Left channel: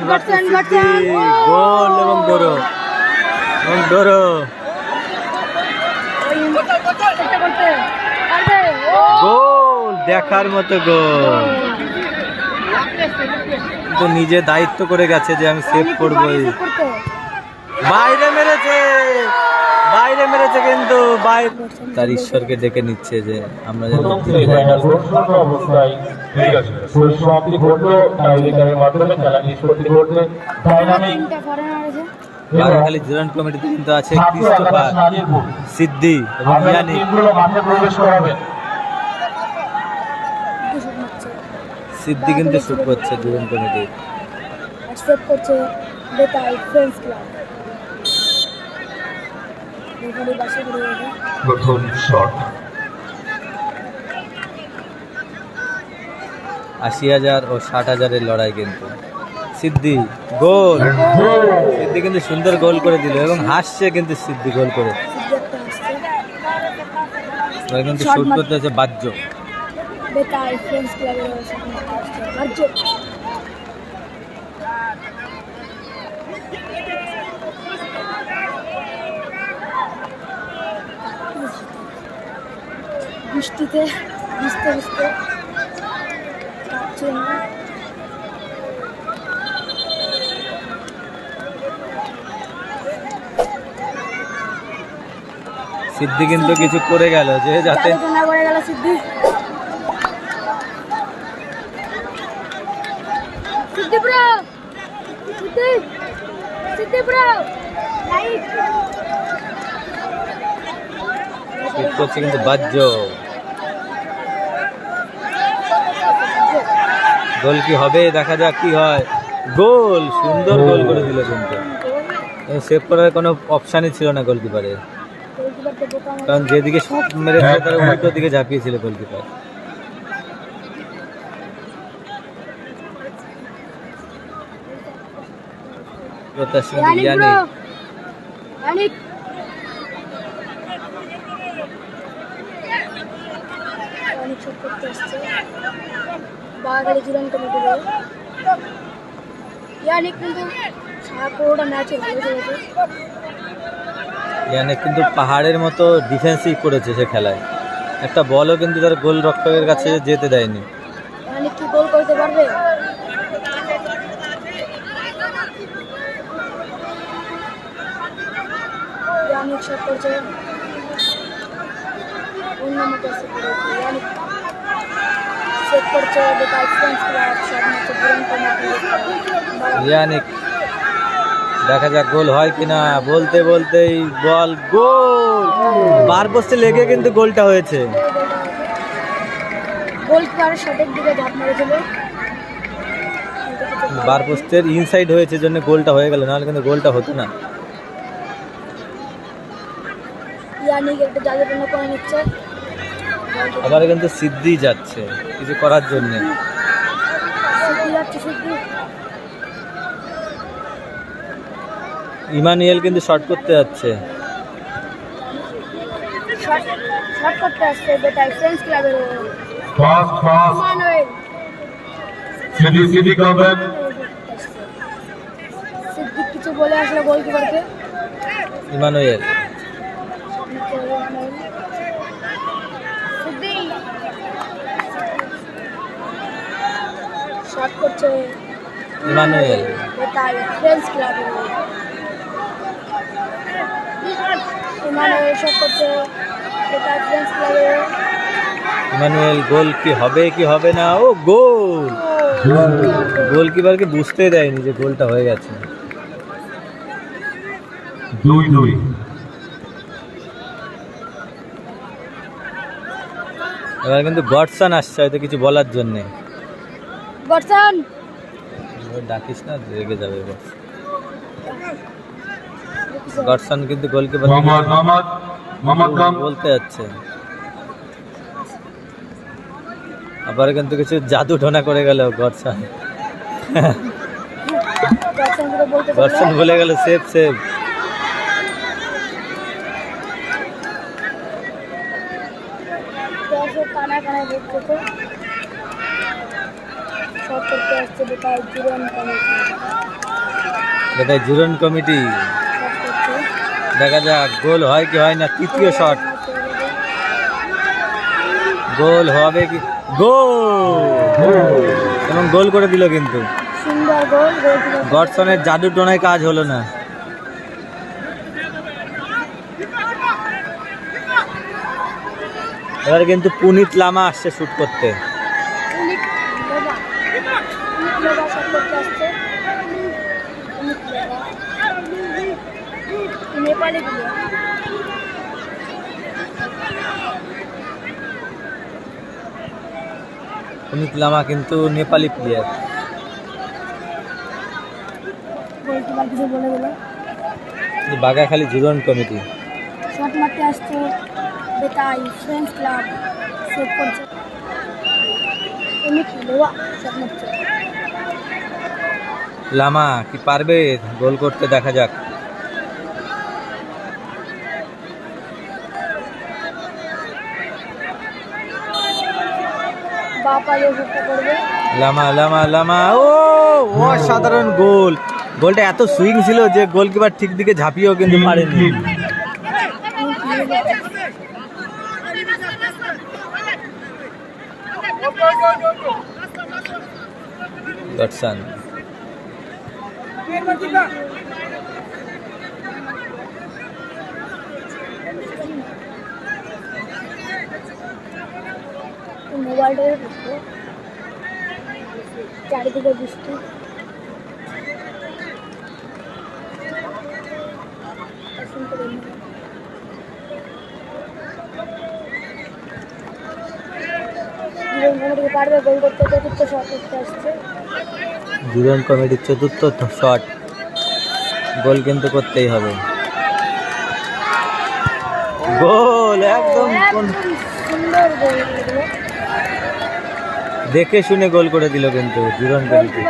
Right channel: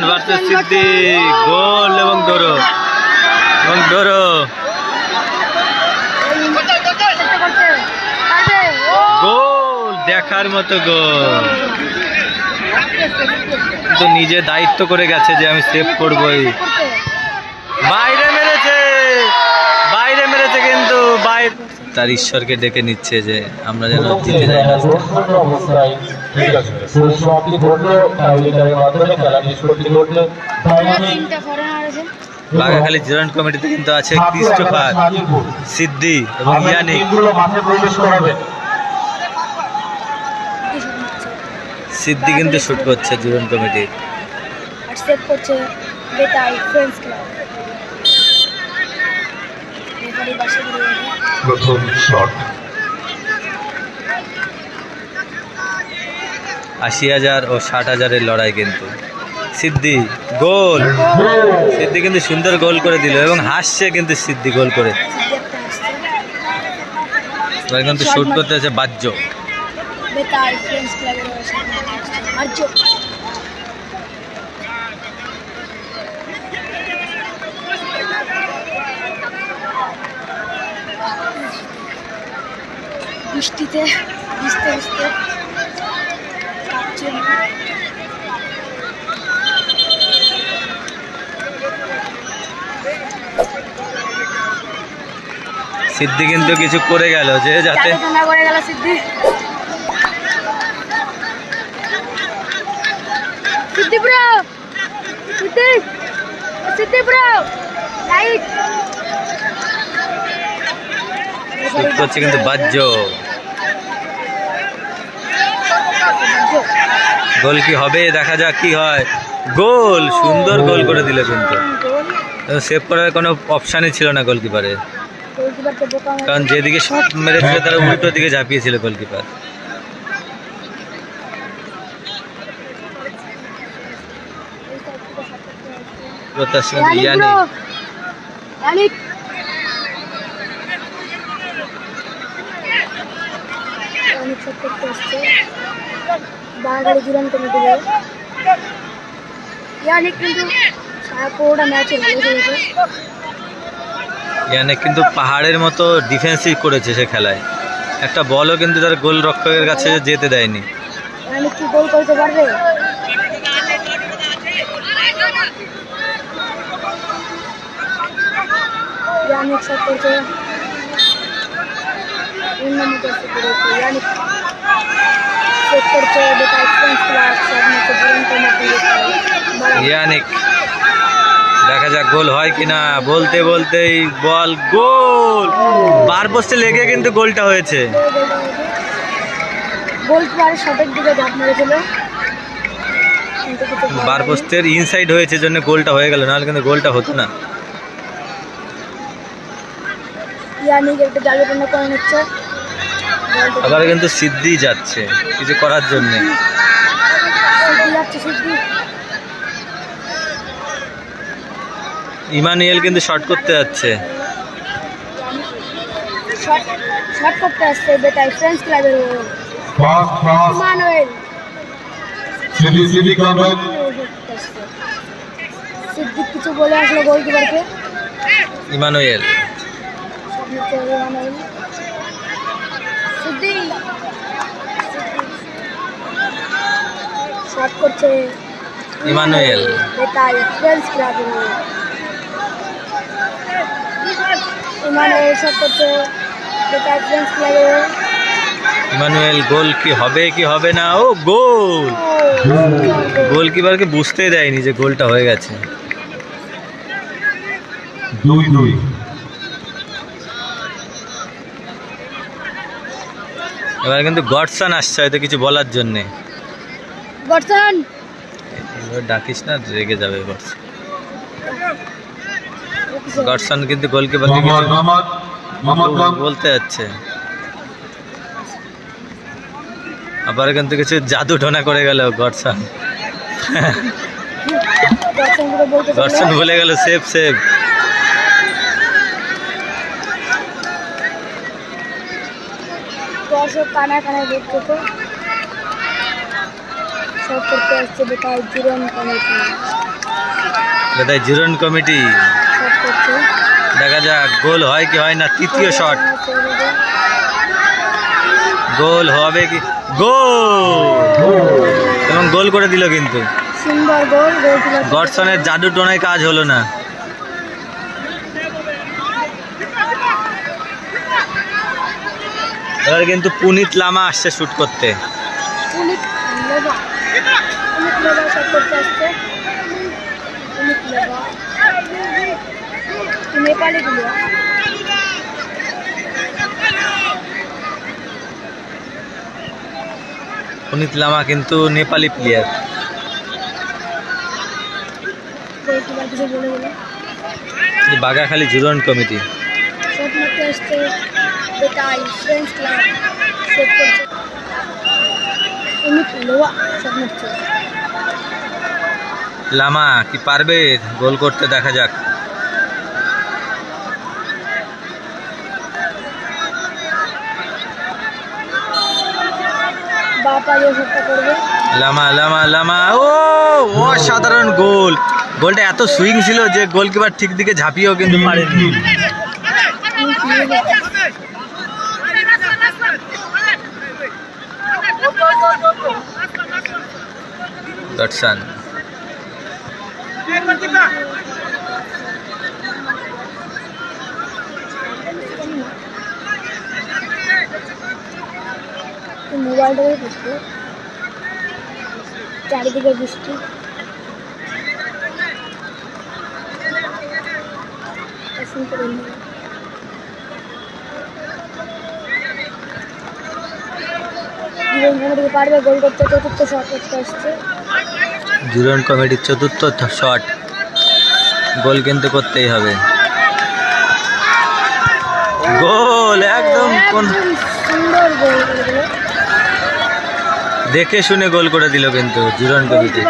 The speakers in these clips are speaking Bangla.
ওসমান ভার্সেস সিদ্দিক, গোল এবং ডোরো। এবং ডোরো। গোল, দেখার মতো গোল। তো নিজে দায়িত্ব করে গেছে যে আমি সেভ করবই। বাইরে মেরেছে! বাইরে মেরেছে কিন্তু বাইরে তার ঈশ্বরকে ডেকে নিচ্ছে যে আমরা যেন জিতে যাই। বাঘাখালী জয়েন্ট কমিটিতে কিন্তু আছে ক্রিস্টোফার সিদ্ধি এবং ইয়ানিক। টিমগুলো মাঠে প্রবেশ করাবে সিদ্ধি কিন্তু শুট করছে জুরন কমিটি। আর সেভ করছে বেতাই ফ্রেন্ডস ক্লাব রেফারি বাসে ঘুরে গেছে প্রথম শট আশি হাজার ও ষাট হাজারের লড়াই কিন্তু। সিদ্ধি গোল! সিদ্ধি কিন্তু সুন্দর গোল করে দিল এবং হাসছে কিন্তু সিদ্ধি গোল করে। কিন্তু শুট করতে আছে বাহ্য বেতাই ফ্রেন্ডস ক্লাবের সামনে আসছে আর্য বৃষ্টিতে ভিজতে ভিজতে। সিদ্ধি কিন্তু কিছু করে গেল যে যাতে করে গেল সিদ্ধি সিদ্ধি ব্রো! সিদ্ধি সিদ্ধি ব্রো! লাইট করছে কিন্তু বাহ্য। গোল কি হবে? দেখা যাক কি হয়। গোল! সুন্দর গোল করে দিল কিন্তু। সেভ করার কোনো অপশানই ছিল না গোলকিপারের কারণ যেদিকে শট মেরেছিল তার উল্টো দিকে ঝাঁপিয়েছিল গোলকিপার প্রত্যাশী ইয়ানিক জীবন কিন্তু পুরোটা ম্যাচে ভালো খেলেছে ইয়ানিক কিন্তু পাহাড়ের মতো ডিফেন্সিভ করেছে সে খেলায়। একটা বলও কিন্তু তার গোল রক্ষকের কাছে যেতে দেয়নি। ইয়ানিক কি গোল করতে পারবে ইয়ানিক শট করছে অন্য মতো করেছে ইয়ানিক কমিটি ইয়ানিক দেখা যাক গোল হয় কিনা। বলতে বলতেই বল গোল! বার পোস্টে লেগে কিন্তু গোলটা হয়েছে। গোলকিপার শটের দিকে ঝাঁপ মেরেছিল। কিন্তু কিছু করার বার পোস্টের ইনসাইড হয়েছে জন্য গোলটা হয়ে গেল নাহলে কিন্তু গোলটা হতো না। ইয়ানিক একটা জায়গাপূর্ণ করে নিচ্ছে। আবার কিন্তু সিদ্ধি যাচ্ছে কিছু করার জন্যে। ইমানুয়েল কিন্তু শর্ট করতে যাচ্ছে। করতে আসছে ফ্রেন্ডস ক্লাবের সিদ্দিক কিছু বলে আসলো গোলকিপারকে ইমানুয়েল। সামনে চলে মানুয়েল সিদ্দিক শট করছে। ইমানুয়েল। ইমানুয়েল শট করছে। ইমানুয়েল গোল কি হবে কি হবে না? ও গোল! গোল গোলকিপারকে বুঝতেই দেয়নি যে গোলটা হয়ে গেছে। দুই দুই এবার কিন্তু গডসান আসছে হয়তো কিছু বলার জন্যে। এবার ডাকিস না রেগে যাবে গডসন গডসন কিন্তু খান বলতে যাচ্ছে। আবার কিন্তু কিছু জাদু ঢোনা করে গেল গডসন গডসন বলে গেল সেফ সেফ দর্শক কানা কানা দেখতেছে শর্ট করতে আসছে কমিটি। জিরন কমিটি। দেখা যাক গোল হয় কি হয় না তৃতীয় শট। গোল হবে কি? গোল! এবং গোল করে দিল কিন্তু। গডসনের জাদু টোনায় কাজ হলো না। এবার কিন্তু পুনিত লামা আসছে শুট করতে। অনেক করতে আসছে লামা কিন্তু নেপালি প্লেয়ার বাগাখালী জুরন কমিটি। শর্ট মারতে আসছে বেটাই ফ্রেঞ্চ ক্লাব সেট করছে অনেক লেবা শর্ট মারছে লামা কি পারবে? গোল করতে দেখা যাক। লামা লামা লামা ও অসাধারণ গোল। গোলটা এত সুইং ছিল যে গোলকিপার ঠিক দিকে ঝাঁপিয়েও কিন্তু পারেনি। মোবাইলটাকে করতে চারিদিকে বৃষ্টি। পারবে গোল করতে চতুর্থ শট আসছে। জুরন কমিটির চতুর্থ শট। গোল কিন্তু করতেই হবে। গোল, একদম কোন দেখে শুনে গোল করে দিল কিন্তু জুরন কমিটি।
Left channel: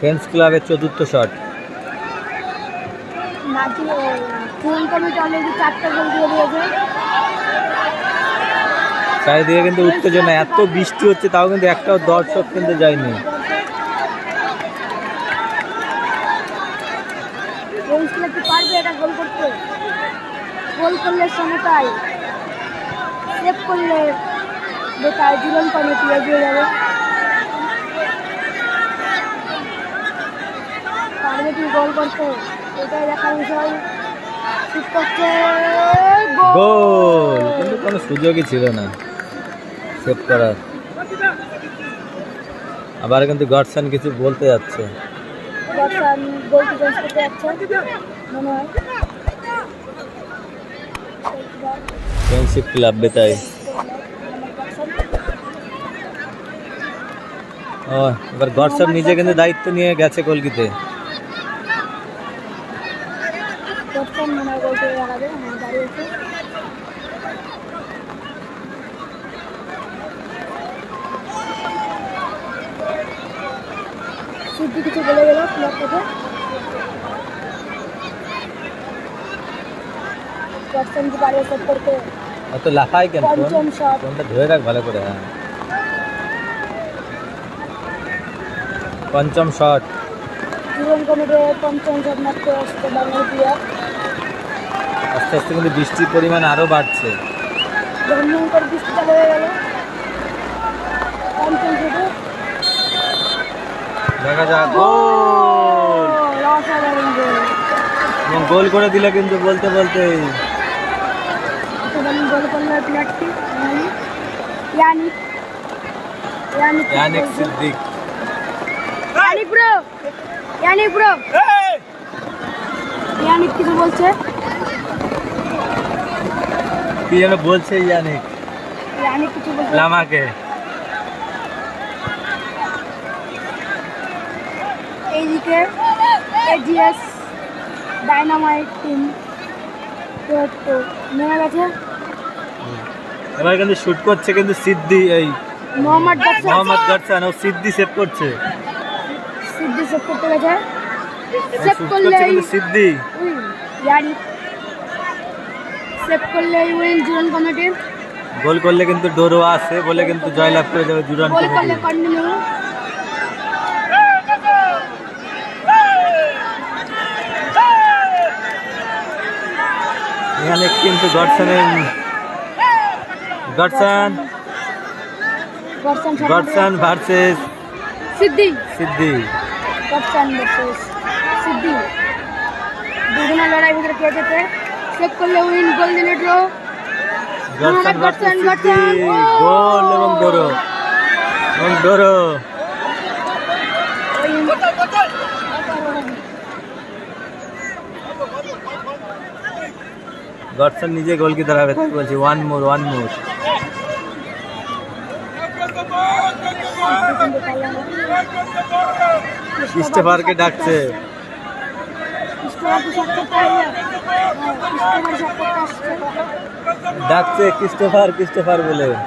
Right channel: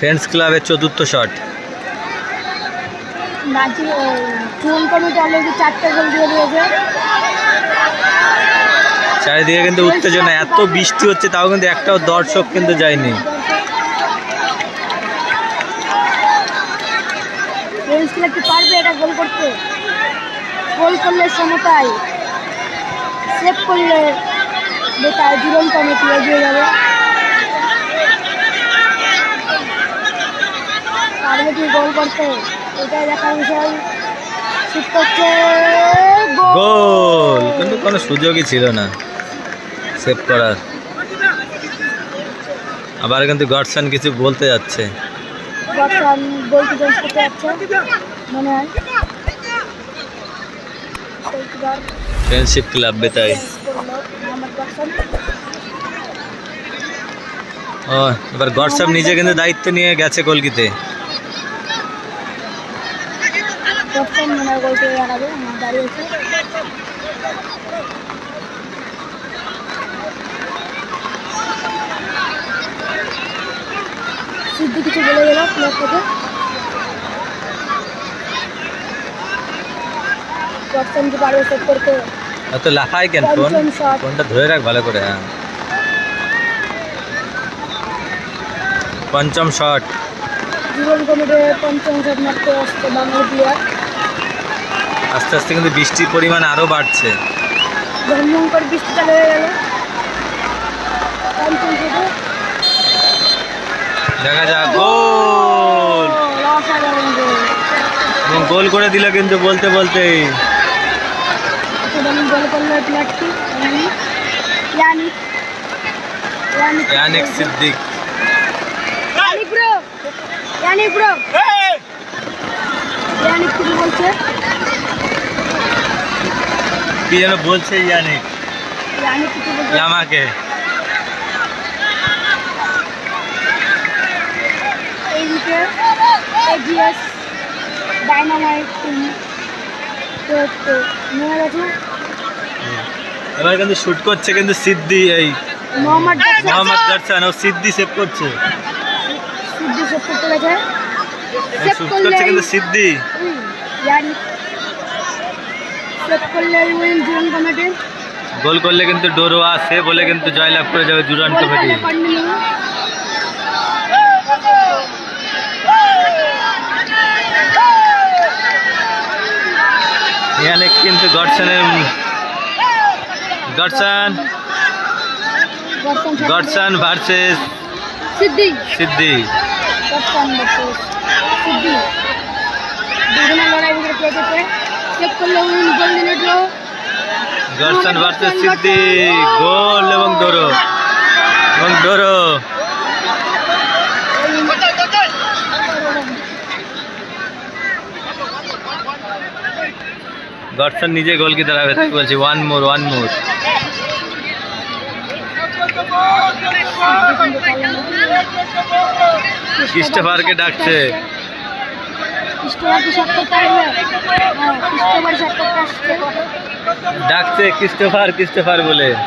ফ্রেন্ডস ক্লাবের চতুর্থ শট চারিদিকে কিন্তু উত্তেজনা এত বৃষ্টি হচ্ছে তাও কিন্তু একটাও দর্শক কিন্তু যায়নি। গোল করলে সেভ করলে জীবন কমিটি এগিয়ে যাবে। গোল করতে? এটাই দেখার বিষয়। শুট করছে গোল! কিন্তু কোনো সুযোগই ছিল না। সেভ করার। আবার কিন্তু গডসান কিছু বলতে যাচ্ছে। ফ্রেন্ডশিপ ক্লাব বেতাই ও এবার গডসব নিজে কিন্তু দায়িত্ব নিয়ে গেছে গোলকিতে বক্সন মনে হয় গোল করে লাগাবে হ্যাঁ দাঁড়িয়েছে সিদ্ধি কিছু বলে গেল প্লেয়ার থেকে বক্সন পারবে সেভ করতে এত লাফায় কেন? ফোন? ফোনটা ধরে রাখ ভালো করে হ্যাঁ। পঞ্চম শট জীবন কমিটির পঞ্চম শট মারতে আসছে বাংলা প্লেয়ার আস্তে আস্তে কিন্তু বৃষ্টির পরিমাণ আরও বাড়ছে। ভয়ঙ্কর বৃষ্টি চালু হয়ে গেল। পঞ্চম শটে দেখা যাক গোল! গোল। করে দিল কিন্তু বলতে বলতেই। অসাধারণ গোল করল প্লেয়ারটি Yannick. Yannick Yannick Yannick Siddique. Yannick bro Yannick bro. Yannick কিছু বলছে? কি যেন বলছে ইয়ানিক। ইয়ানিক কিছু বলছে? লামাকে এইদিকে এজিএস ডাইনামাইট টিম তো গেছে। এবার কিন্তু শুট করছে কিন্তু সিদ্ধি এই মোহাম্মদ মোহাম্মদ গারসান ও সিদ্ধি সেভ করছে। সিদ্ধি সেভ করতে গেছে। সেভ শুট করছে কিন্তু সিদ্ধি জানি সেভ করলে উইন জীবন কমিটির গোল করলে কিন্তু ডোরো আসে বলে কিন্তু জয়লাভ করে যাবে জুরান গোল কমিটি করলে কন্টিনিউ এখানে কিন্তু গডসনের গডসন গডসন ভার্সেস সিদ্ধি সিদ্ধি গর্ষণ ভার্সেস সিদ্ধি দুজনের লড়াই ভিতরে কে যেতে সেভ করলে উইন গোল দিলে ড্র গডসন ভার্সেস সিদ্ধি গোল এবং ডোরো। এবং ডোরো। গডসন নিজে গোল কি দাঁড়াবে তাই বলছি ওয়ান মোর ওয়ান মোর ক্রিস্টোফারকে ডাকছে। হ্যাঁ ডাকছে ক্রিস্টোফার ক্রিস্টোফার বলে। ক্রিস্টোফার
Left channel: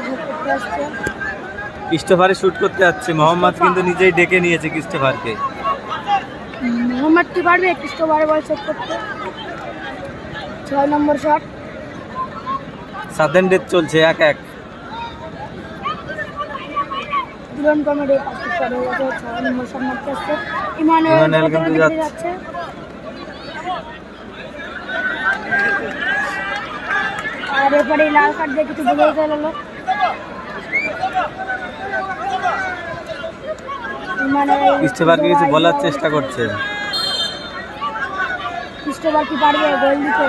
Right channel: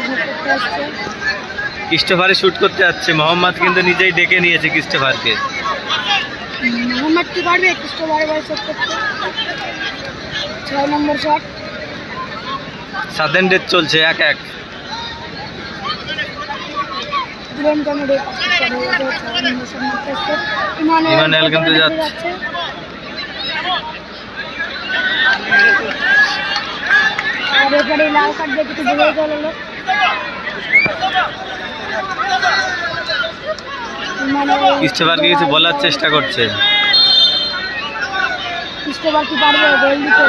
শট করতে ক্রিস্টোফারে শুট করতে যাচ্ছে মোহাম্মদ কিন্তু নিজেই ডেকে নিয়েছে ক্রিস্টোফারকে কি পারবে ক্রিস্টোফার বল শট করতে। ছয় নম্বর শট সাদেন ডেথ চলছে এক এক। কমেডি মারতে ইমানুয়েল কিন্তু যাচ্ছে। আর লাল কার্ড দিয়ে কিছু বলার চেষ্টা করছে। ক্রিস্টোফার কি পারবে গোল দিতে।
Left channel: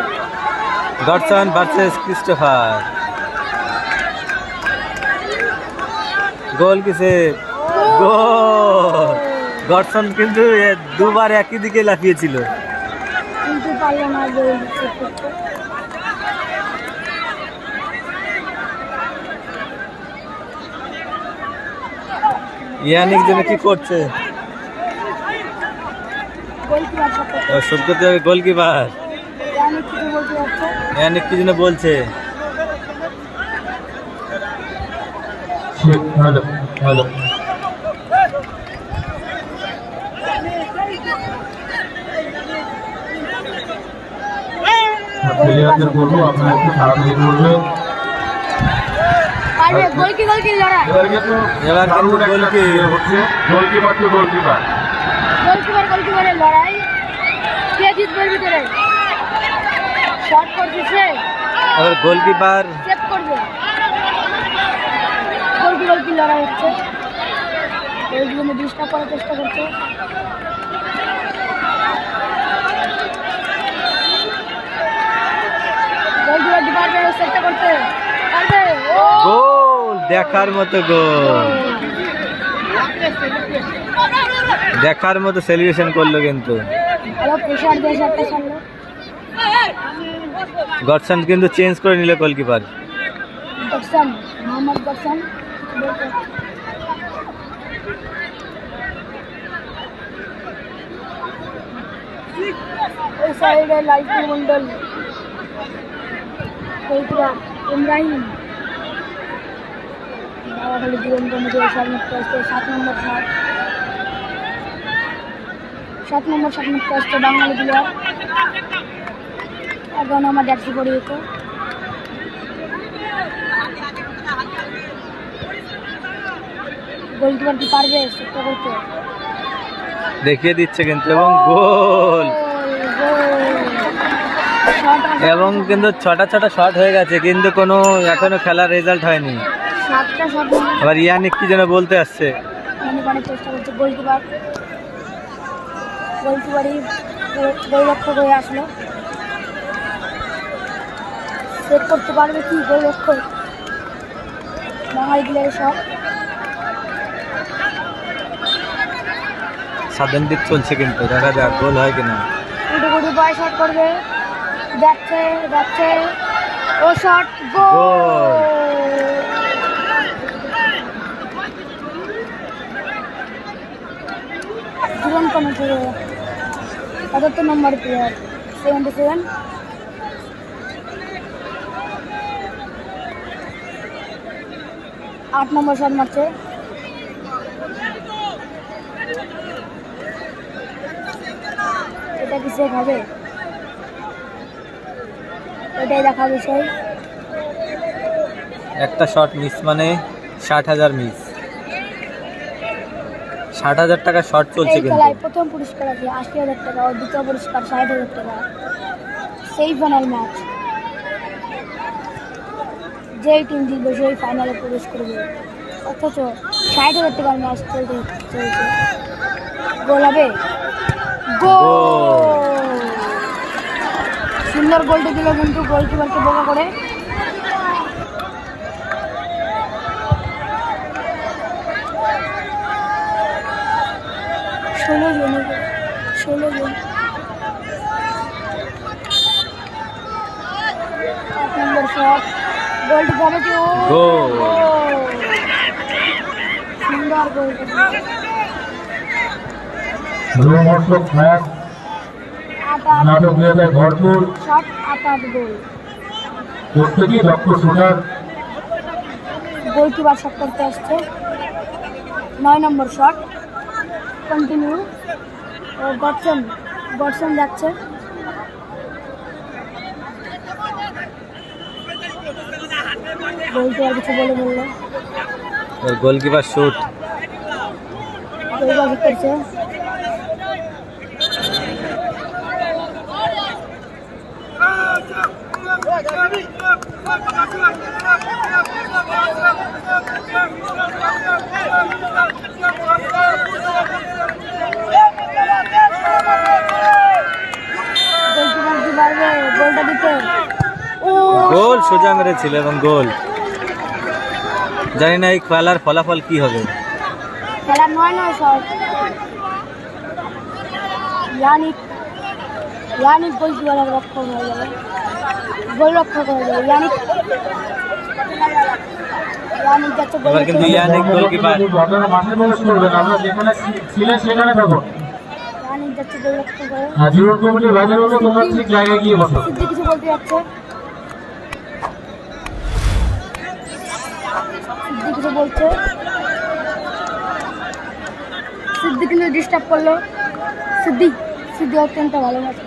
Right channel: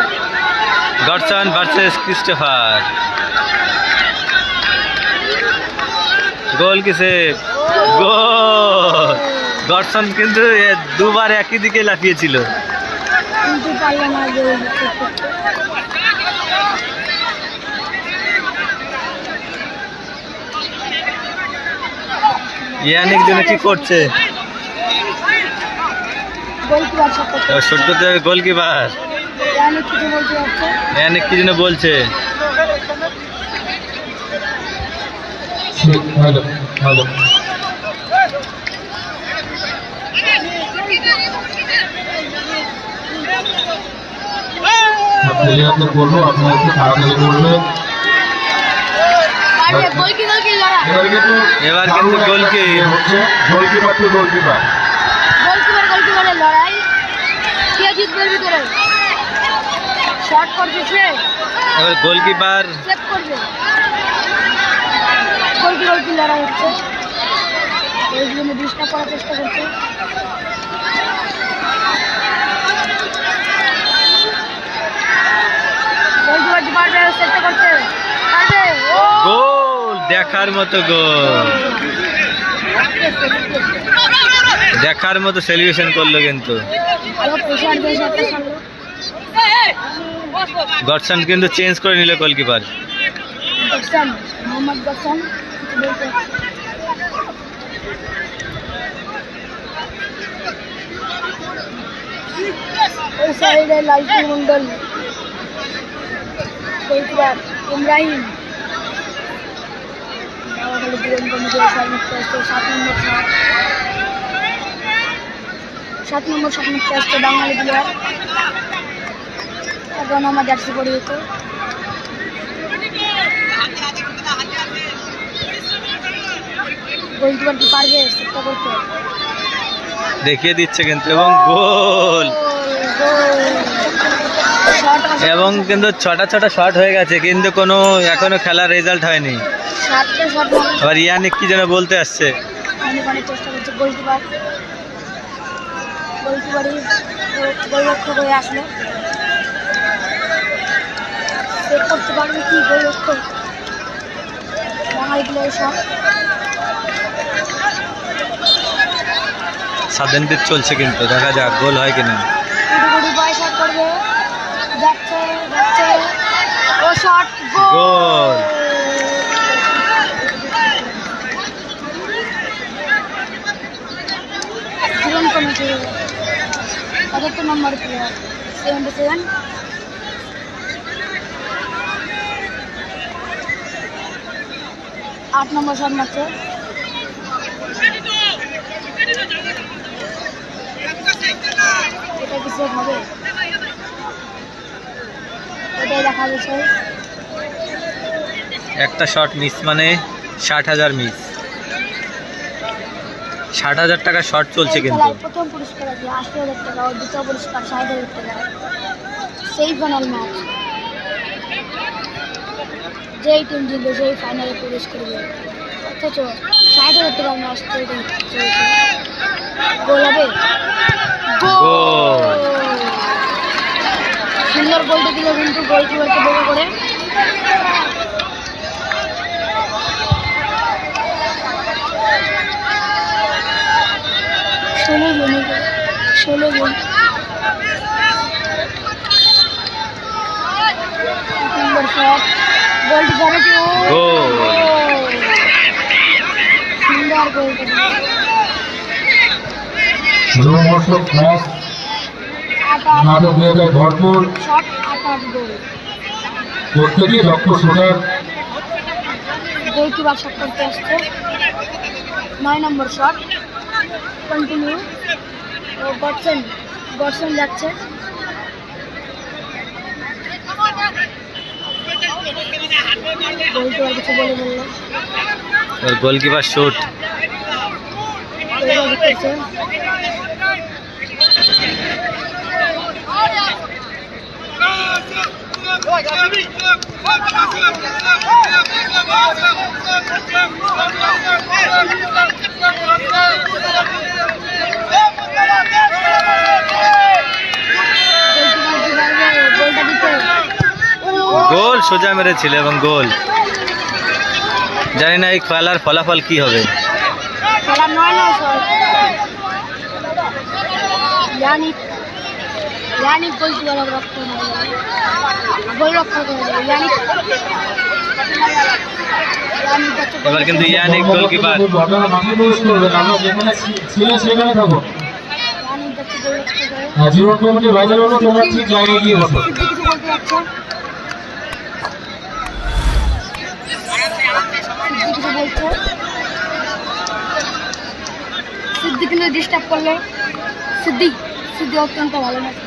Godson versus Christopher. গোল কিসে গোল! গডসন কিন্তু দুবার একই দিকে লাফিয়েছিল। কিন্তু পারল না গোল ইয়ানিক জন্য কি করছে? শট করতে হবে গোলকিপার। ইয়ানিক কি জন্য বলছে? হ্যালো হ্যালো প্লেয়ারদের বলব আপনারা একটু তাড়াতাড়ি করবেন এবার কিন্তু গোলকি গোলকিপার টু গোলকিপার। লড়াই। কে জিতবে ভিতরে? শট করছে সে এবার গোলকিপার সেভ করবে। গোলকি গোলকি লড়াই হচ্ছে? এই জন্য ডিস্টার্ব করার চেষ্টা করছে। গোলকিপার কি পারবে? সেটটা করতে। পারবে? ও! গোল! দেখার মতো গোল। দেখার মতো সেলিব্রেশন করল কিন্তু। গডসন কিন্তু চেঞ্জ করে নিল গোলকিপার গফসান মোহাম্মদ গফসান বলতে ওই সাইডে লাইফুল মন্ডল গোলকিপার ইব্রাহিম নওয়াখালী জীবন কমিটি সাত মিনিট আসছে সাত নম্বর সাত নম্বর আসছে বাঙালি প্লেয়ার এখন আমার জার্সি পরিহিত গোলকিপার কি পারবে সেটা করতে দেখিয়ে দিচ্ছে কিন্তু এবং গোল। এবং কিন্তু ছটা ছটা শট হয়ে গেছে কিন্তু কোনো এখনও খেলার রেজাল্ট হয়নি। আবার ইয়ানিক কি যেন বলতে আসছে। গোলরক্ষক হয়ে আসলো। সেভ করতে পারবে কি গোলরক্ষক? বাঙালি প্লেয়ার সব সাদেন চলছে কিন্তু দেখা যাক গোল হয় কিনা। কুটু কুটু বয় শট করবে। যাচ্ছে যাচ্ছে। ও শট গোল। জীবন কমিটি পঁচাত্তর নম্বর প্লেয়ার সেভেন্টি সেভেন আট নম্বর শট মারছে এটা কি সেভ হবে এটাই দেখা বিষয় একটা শট মিস মানে ষাট হাজার মিস ষাট হাজার টাকা শট চলছে কিন্তু। প্রথম পুরস্কার আছে আশি হাজার টাকা ও দ্বিতীয় পুরস্কার ষাট হাজার টাকা। সেই ফাইনাল ম্যাচ যেই টিম জিতবে সেই ফাইনালে প্রবেশ করবে অথচ ষাট হাজার টাকার ম্যাচ চলতে চলছে। গোল হবে? গোল। সুন্দর গোলটি দিল কিন্তু গোলকিপারকে বোকা করে। ষোলো জন ষোলো জন। নম্বর শট গোলটি যাবে ও! গোল। গোল। সুন্দর গোলটা রোমহর্ষক ম্যাচ আট আট। নাটকীয়তায় ভরপুর শট আট আট গোল প্রত্যেকেই দক্ষ শুটার গোলকিপার শট করতে আসছে। নয় নম্বর শট কন্টিনিউ ও গডসন গডসন যাচ্ছে গোলকিপার কিছু বলে বলল। ওর গোলকিপার শুট গোল সোজা মেরেছিল এবং গোল। জানি না এই খেলার ফলাফল কি হবে। ইয়ানিক ইয়ানিক গোলকিপার রক্ষক হয়ে যাবে গোল রক্ষক হয়ে যাবে ইয়ানিক এবার কিন্তু ইয়ানিক গোলকিপার আপনারা মাঠে প্রবেশ করবেন আমরা যেখানে ছিলেন সেখানে থাকুন ইয়ানিক যাচ্ছে গোল রক্ষক আর জীবন কমিটির বাজার হলো তোমরা ঠিক জায়গায় গিয়ে বসো সিদ্ধি কিছু বলতে যাচ্ছে কিছু বলছে সিদ্ধি কিন্তু ডিস্টার্ব করল সিদ্ধি সিদ্ধি অত্যন্ত ভালো ম্যাচ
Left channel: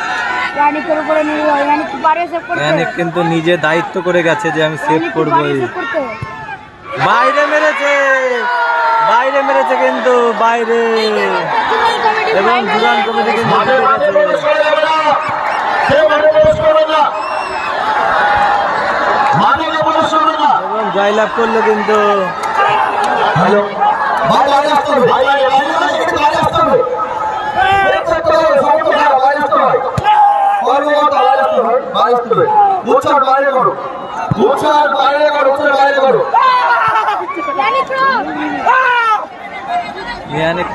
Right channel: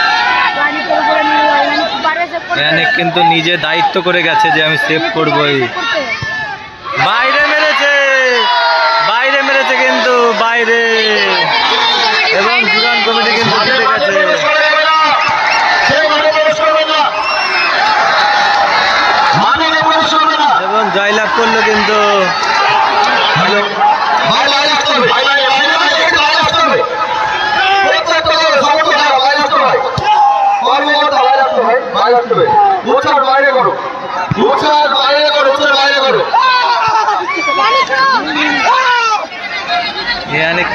রানিকের উপরে নিয়ে রানি কি পারবে সেভ করতে ইয়ানিক কিন্তু নিজে দায়িত্ব করে গেছে যে আমি সেভ করবই? বাইরে মেরেছে! বাইরে মেরেছে কিন্তু, বাইরে! এবং দুরান কমিটি কিন্তু জিতে গেছে। এবং জয়লাভ করল কিন্তু হ্যালো ভাই বাইরে আসতে হবে ভাই বাইরে বাইরে বাইরে একটু বাইরে আসতে হবে প্রত্যেক দলের সমস্ত খেলা বাইরে আসতে হবে কর্মকর্তা বাইরে আসতে হবে বাইরে আসতে হবে উৎসব বাইরে করো উৎসব বাইরে করো উৎসব বাইরে করো ইয়ানিক